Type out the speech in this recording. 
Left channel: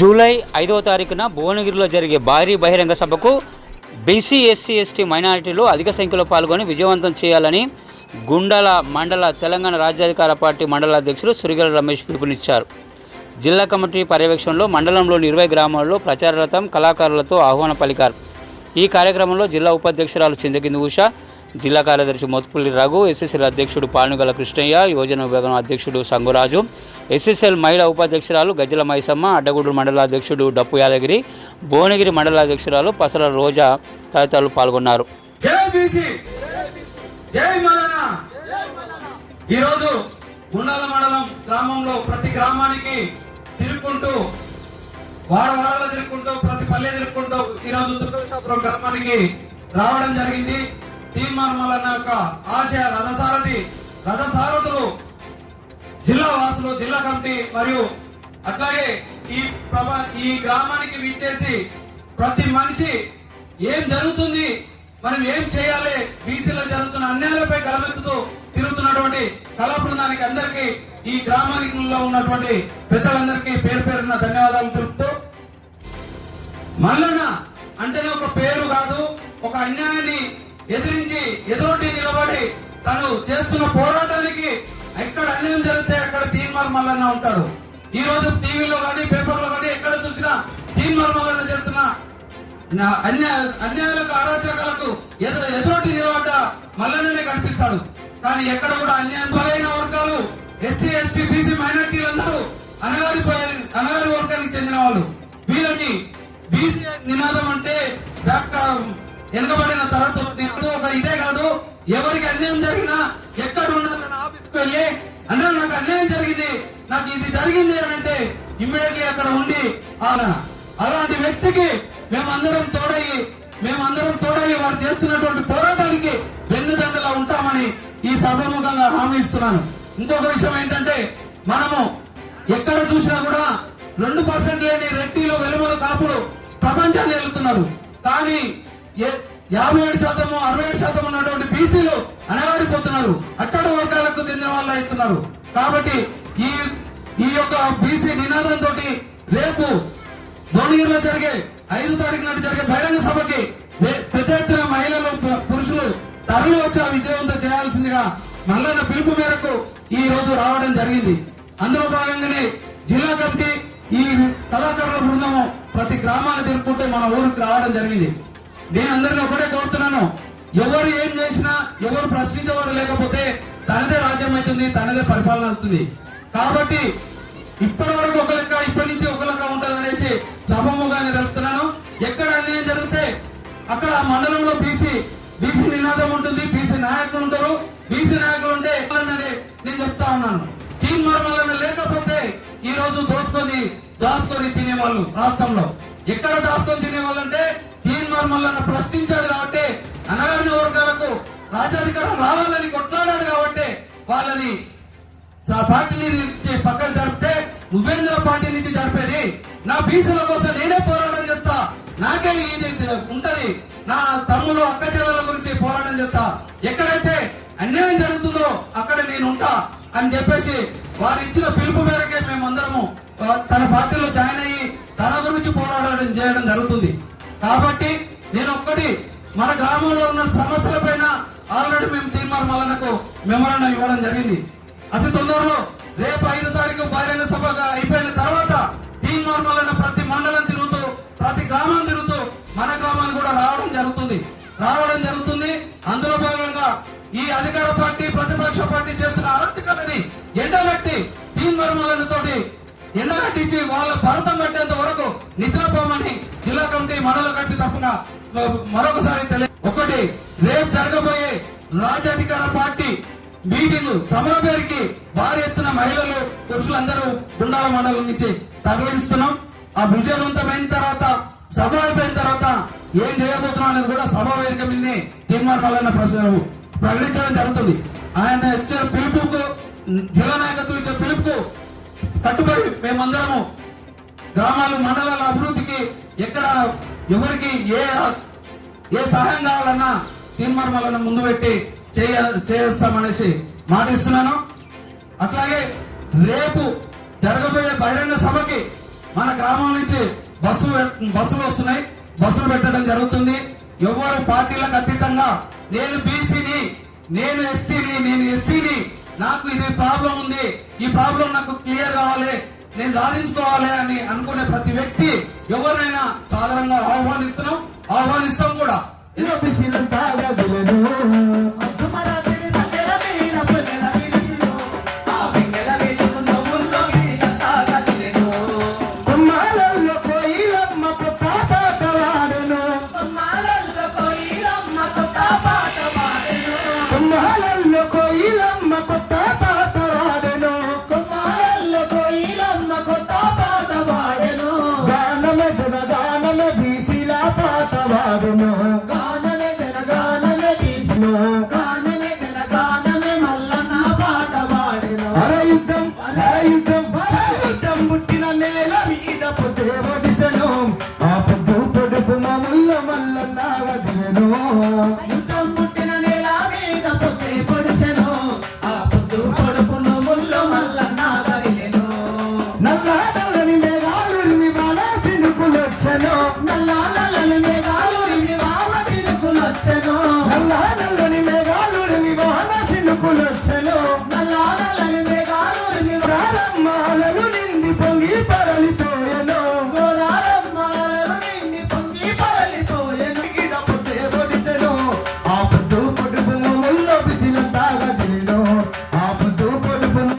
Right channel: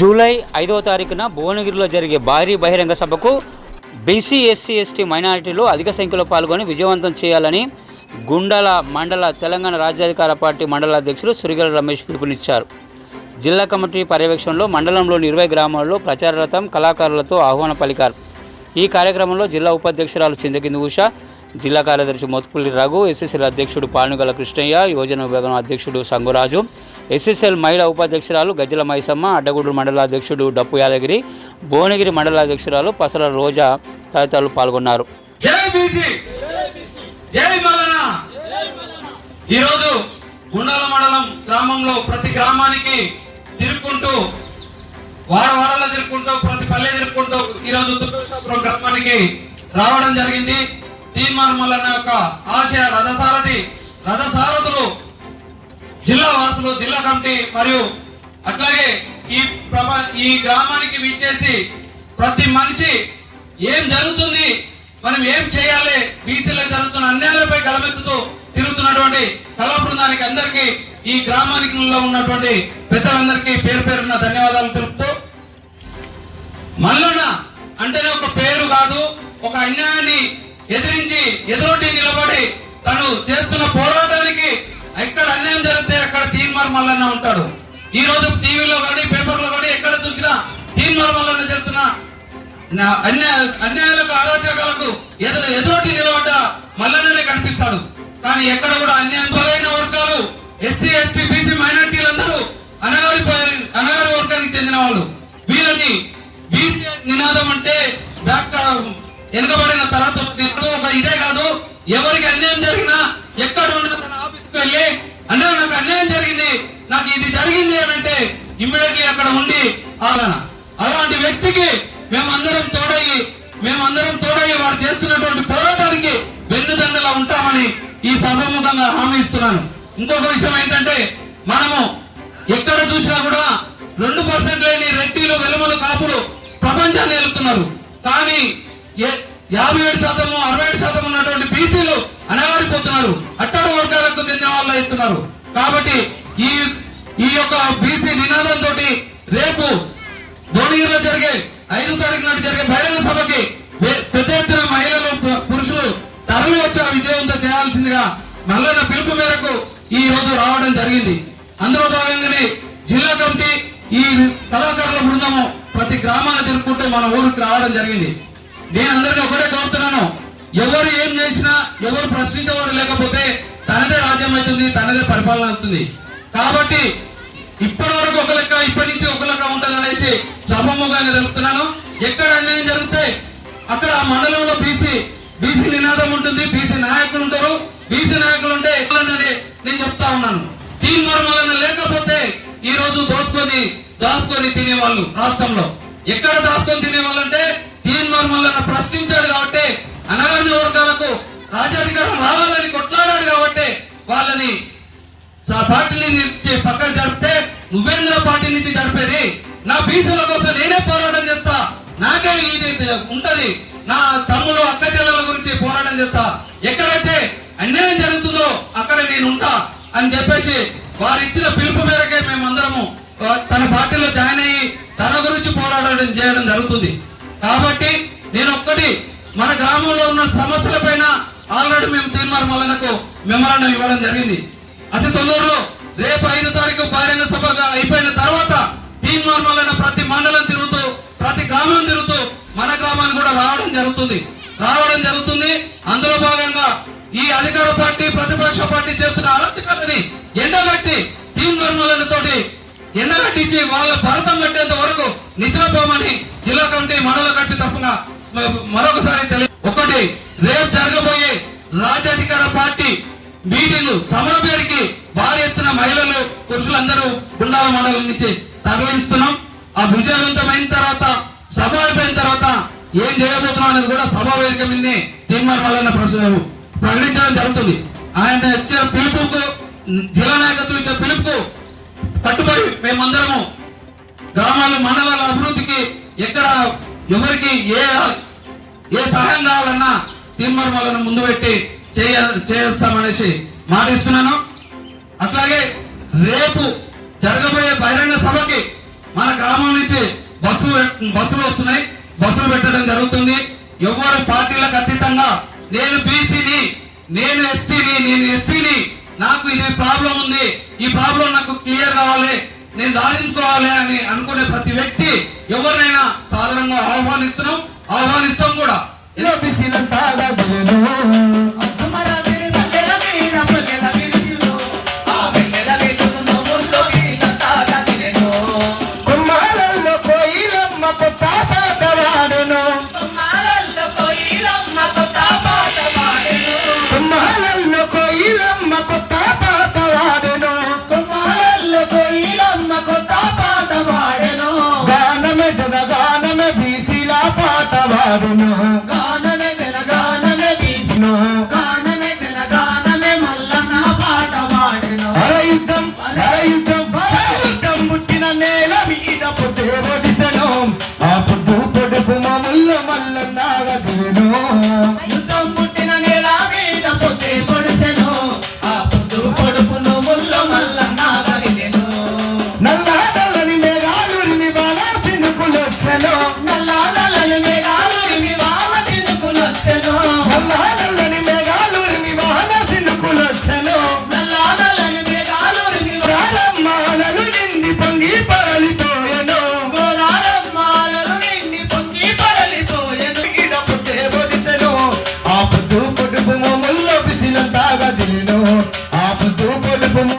July 5వ తారీఖున భువనగిరిలో జరిగే భారీ బహిరంగ సభకు బీసీ ఎస్సీ ఎస్టీ మైనారిటీలు అధిక సంఖ్యలో పాల్గొని విజయవంతం చేయాలని గుండాల మండల తెలంగాణ రాజ్యాధికార పార్టీ మండల అధ్యక్షులు సురిగల రమేష్ పిలుపునిచ్చారు. జిల్లా కమిటీ పర్యవేక్షణలో మండలంలోని 20 గ్రామాల్లో ప్రచార రథం కళాకారులతో ఆహ్వాన పలికారు. ఈ కార్యక్రమంలో జిల్లా ఉపాధ్యక్షురాలు చిందకింది ఉష, జిల్లా కార్యదర్శి మోత్పుల్లి రఘు, ఎస్ఎస్ఎల్ అధ్యక్షుడు పానుగల కృష్ణయ్య, యువజన విభాగం అధ్యక్షుడు సంగురాజు, ఎస్ఎస్ఎల్ మహిళా ఉపాధ్యక్షురాలు గజ్జల మైసమ్మ, అడ్డగూడూరు మండల అధ్యక్షుడు డప్పు యాదగిరి, భువనగిరి మండల అధ్యక్షురాలు పసల రోజా తదితరులు పాల్గొన్నారు. ఈరోజు గుండాల మండలం గ్రామంలో ప్రతి గ్రామానికి తిరుగుకుంటూ వాడవాడలో తిరుగుకుంటూ ప్రతి పల్లె తిరుగుకుంటూ ఈరోజు తుర్కపురం గ్రామానికి రావడం జరిగింది. తీర్మానం యొక్క ఆశయ రథసారథులు జిల్లా వాసులు, జిల్లా కమిటీ మరియు అట్లాగే ఈ గ్రామానికి విచ్చేసి ప్రతి మనిషి ఏం జరుగుతుంది, మనం ఏం చేయాలి, బీసీలో జరుగుతున్న అన్యాయాలపై గలమెత్తుతూ తిరుగుతున్నటువంటి కళా బృందానికి అందరికీ ఈ గ్రామానికి ఉన్నటువంటి పెద్దలందరికీ పేరు పేరున ధన్యవాదాలు తెలుపుతూ, మల్లన్న అంటేనే ఒక పేరు కాదు, ఒక అన్యాయాన్ని ఎదిరించి ఎదురొడ్డి నిలబడి తను చేస్తున్న పోరాటానికి ఎక్కడ అన్యాయం జరిగితే అక్కడ తీన్మార్ మల్లన్న ఉంటాడు. ఈ రోజు టీవీలో కానీ పేపర్లో కానీ ఎక్కడ చూసినా తీన్మార్ మల్లన్న చేస్తున్న అన్యాయాలకు అరాచకాలకు ఎదురొడ్డి నిలబడ్డ మల్లన్ననే కనిపిస్తాడు. కానీ ఎక్కడ కూడా అన్యాయం బలైన వర్గాలు, ఎస్సీ ఎస్టీ బీసీ మైనారిటీలందరూ అనాగరి వర్గానికి చెందిన వాళ్ళు. వీళ్ళని బీసీ నినాదం అంటే వెనుకబడిన తరగతి ఒక ఇదే కాదు, ఎవరికి అన్యాయం జరిగినా ఎక్కడ ఉన్న ఆఫీస్కి వెళ్ళి అంటే నాకు అన్యాయం జరిగింది, నాకు ఇది జరిగింది అని అంటే ఇమ్మీడియట్లీ అక్కడ ఉండి అలాంటి వ్యక్తికి మేమందరం తోడయ్యి వారు చేస్తున్నటువంటి పోరాటానికి వెన్నుదండలా ఉంటామని ఈ సభముఖంగా హామీ ఇస్తున్నాను. ఇంకొక విషయం ఏంటంటే, మనము ఎక్కడ చూసినా కూడా 2% లేని రెడ్డిలు, వెలుమలు, కాపులు ప్రపంచాన్ని వెళ్తున్నారు. కానీ 57%, 67% ఉన్నటువంటి బీసీలు అనగారిపోతున్నారు, అట్టడు వర్గాలకు చెందిన వాళ్ళు అవుతున్నారు. కాబట్టి ఈ యొక్క బీసీ నినాదంతో రేపు భువనగిరిలో జరిగే 5వ తారీఖు నాటి జరిగే బహిరంగ సభకి పెద్ద ఎత్తున మహిళలు, పురుషులు తరలి వచ్చి విజయవంతం చేయాల్సిందిగా మల్లన్న పిలుపు మేరకు ఈ రోజు రావడం జరిగింది. అందులో భాగంగానే జిల్లా కమిటీ ఈ కళాకారుల బృందము ప్రతి గ్రామాన్ని తిరుగుకుంటూ మన ఊరికి రావడం జరిగింది. నేను అందరినీ ఒకటే కోరుతున్నాను, ఎవరు ఏం చేసినా, ఎవరు ప్రశ్నించేవాడు లేకపోతే తనదే రాజ్యం అవుతుంది, తనదే పరిపాలన అవుతుంది. కాబట్టి ఇప్పటి వరకు ఒక లెక్క, ఇప్పటి నుంచి ఒక లెక్క ఉంటుంది అనేసి సభముఖంగా జరుపుతున్నాను. ఎక్కడ అన్యాయం జరిగితే అక్కడ ఆ మండలంలో బీసీ నినాదం ఉంటుంది, బీసీ నాయకులు ఉంటారు. బీసీ నాయకులు ఉంటే నేను చెప్తా ఉన్నాను, తీన్మార్ మల్లన్న లేకపోతే ఈ రోజు దాచుకొని తినేవాళ్ళు రాష్ట్రంలో ఎక్కడ దాచుకొని తినేవాళ్ళు అంటే తీన్మార్ మల్లన్న ప్రశ్నించాడు కాబట్టి, అనగారిన వర్గాలకు రాజ్యాధికారం రావాలని కొట్లాడాడు కాబట్టి వాళ్ళని పార్టీ నుంచి పక్కన జరిపితే, నువ్వేంద్ర పార్టీ నుంచి జరిపేది, నా బీసీల కోసం నేనే పోరాటం చేస్తా, నాకే ఇది ఉంటది, నా తమ్ముడు అక్క చెల్లెల గురించి పోరాటం చేస్తా, ఎక్కడైతే అన్యాయం జరుగుతుందో అక్కడ నేను ఉంటా అని చెప్పేసి వారు ఇచ్చిన పిలుపు మేరకే మేమందరము తన పార్టీలో జాయిన్ అయ్యి తన గురించి పోరాటం చేయడం జరుగుతుంది. కాబట్టి నేను ఒక్కటి, మన గ్రామంలో ఉన్న సమస్యల పైన ఆల్రెడీ మేము తీన్మార్ మల్లన్నకు మెమరాండం ఇవ్వడం జరిగింది. అతి తొందరలో రేపు 5వ తారీఖు బహిరంగ సభగా అయిపోయిన తర్వాత తీన్మార్ మల్లన్న ప్రతి మండలం తిరుగుతూ, ప్రతి గ్రామం తిరుగుతూ మన గ్రామానికి కూడా రావడం జరుగుతుంది. అందులో భాగంగా ఈ అధికార పార్టీ, ప్రతిపక్ష పార్టీ చేస్తున్న అరాచకాలని ఎండగట్టి తీన్మార్ మల్లన్న తోటి ఎండగట్టించి వాళ్ళ భరతం కట్టేంత వరకు నిద్రపోమని జిల్లా కమిటీ, మండల కమిటీ తప్పున మరొకసారి ఒకటి, రేపు జరగబోయే రాజ్యాధికార పార్టీ మీటింగ్ సమర పేరుకి భారీ ఎత్తున మహిళలు, పురుషులందరూ గుండాల మండలం నుంచి తరలిస్తున్నాం. ఆ విజయవంతమైన తర్వాత, సభ అయిపోయిన తర్వాత ఏం చేయబోతున్నాం అనేది కూడా సభా వేదిక మీద తీన్మార్ మల్లన్న ప్రకటించడం జరుగుతుంది. ఆయన ఇచ్చే పిలుపుకు, జిల్లా నాయకత్వం ఇచ్చే పిలుపుకు కట్టుబడి మేమందరము గ్రామాలు, మండలాల అభివృద్ధికి ఎక్కడ ఎవరికి ఏ సహాయం కావాలన్నా తీన్మార్ మల్లన్న ముందు పెట్టి చేస్తామనేసి మాటిస్తున్నాను. అట్లాగే రేపు జరగబోయే బహిరంగ సభకి మన గ్రామం నుంచి బస్సులు వస్తున్నాయి, బస్సులు పెట్టడం జరుగుతుంది. ఎవరు పార్టీలకు అతీతంగా నేను బీసీని, నేను ఎస్టీని, నేను ఎస్సీని, నాకు ఇది ప్రాబ్లం ఉంది, ఈ ప్రాబ్లం నాకు క్లియర్ కావాలి, నేను సాధించుకోవాలి అని అనుకునే ప్రతి వ్యక్తి ఎవరినైనా సాధారణంగా ఆహ్వానిస్తాం కూడా. కొత్త